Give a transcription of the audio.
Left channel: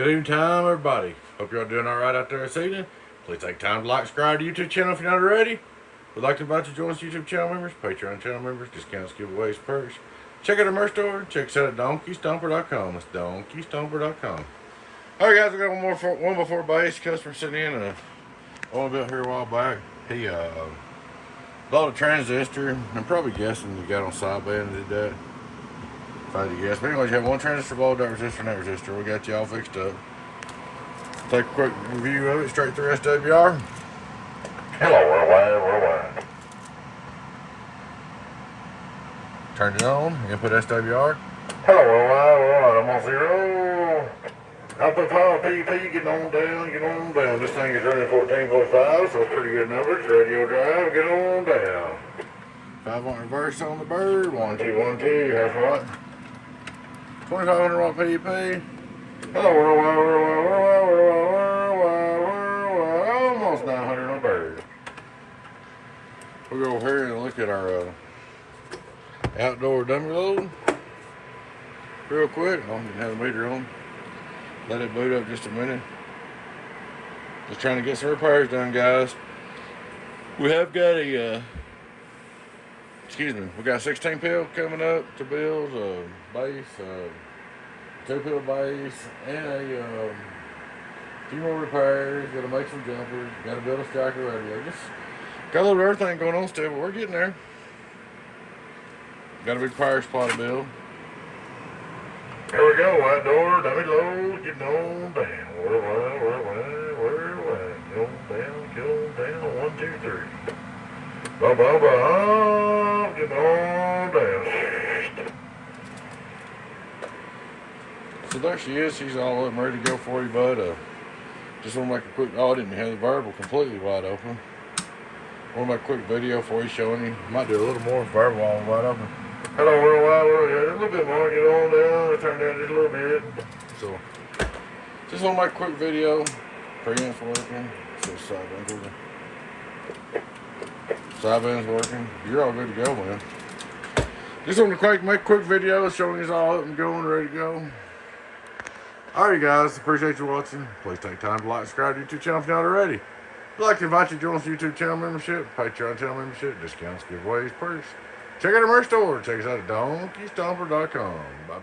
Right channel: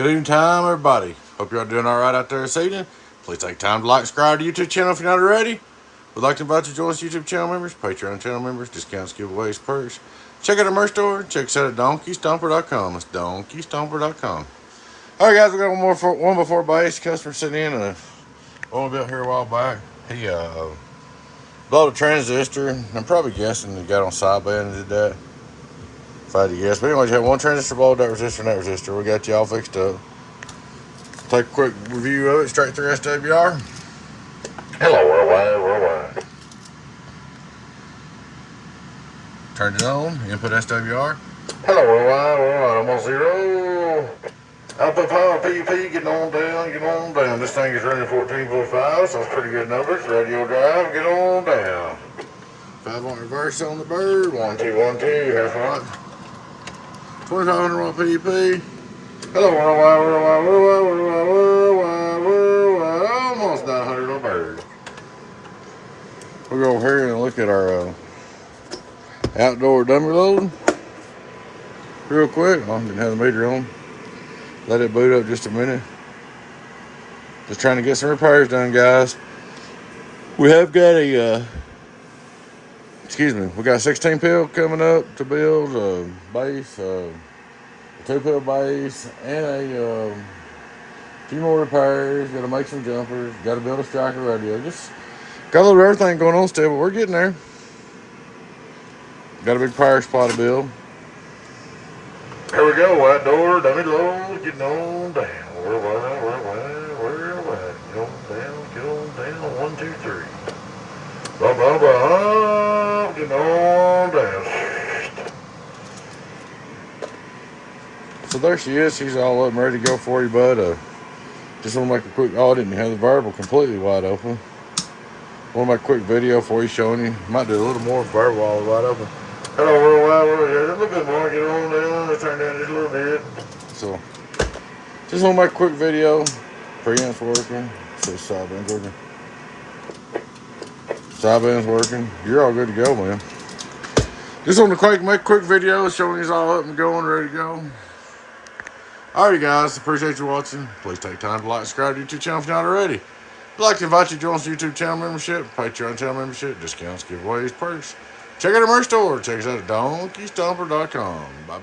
Good evening time, everybody. Hope you're all doing all right out there this evening. Please take time to like, subscribe to the YouTube channel if you're not already. We'd like to invite you to join us YouTube channel members, Patreon channel members, discounts, giveaways, perks. Check out our merch store. Check us out at donkeystomper.com. It's donkeystomper.com. All right, guys, we got one before base. Customer sitting in one built here a while back. He blew a transistor. I'm probably guessing he got on sideband and did that. If I had to guess. But anyway, you have one transistor blow, that resistor, and that resistor. We got you all fixed up. Take a quick review of it straight through SWR. Hello, worldwide. Turned it on, input SWR. Hello, worldwide, I'm on 0. Output power, PEP, getting on down. This thing is running 14.5, so it's pretty good numbers. Radio drive, get on down. 5-watt reverse on the bird, 1 2 1 2, half watt. 2500 watt PEP. Hello, worldwide, almost 900 on the bird. We'll go over here and look at our outdoor dummy load real quick. I didn't have the meter on. Let it boot up just a minute. Just trying to get some repairs done, guys. We have got a we got a 16 pill coming up to build, base, a 2-pill base, and a few more repairs. Got to make some jumpers. Got to build a striker radio. Just got a little everything going on still, but we're getting there. Got a big power supply to build. Here we go, outdoor dummy load, getting on down. Where get on down, 1 2 3. Get on down. So there she is. She's all up and ready to go for you, bud. Just want to make a quick, I didn't have the variable completely wide open. Want to make a quick video for you showing you. Might do a little more variable while wide open. Hello, worldwide, a little bit more, get on down, turn down just a little bit. So, just want to make a quick video. Preamp's working, so sideband's working. Sideband's working. You're all good to go, man. Just want to make a quick video showing you all up and going, ready to go. Alright, guys, appreciate you watching. Please take time to like, subscribe to the YouTube channel if you're not already. I'd like to invite you to join us YouTube channel membership, Patreon channel membership, discounts, giveaways, perks. Check out our merch store. Check us out at donkeystomper.com. Bye.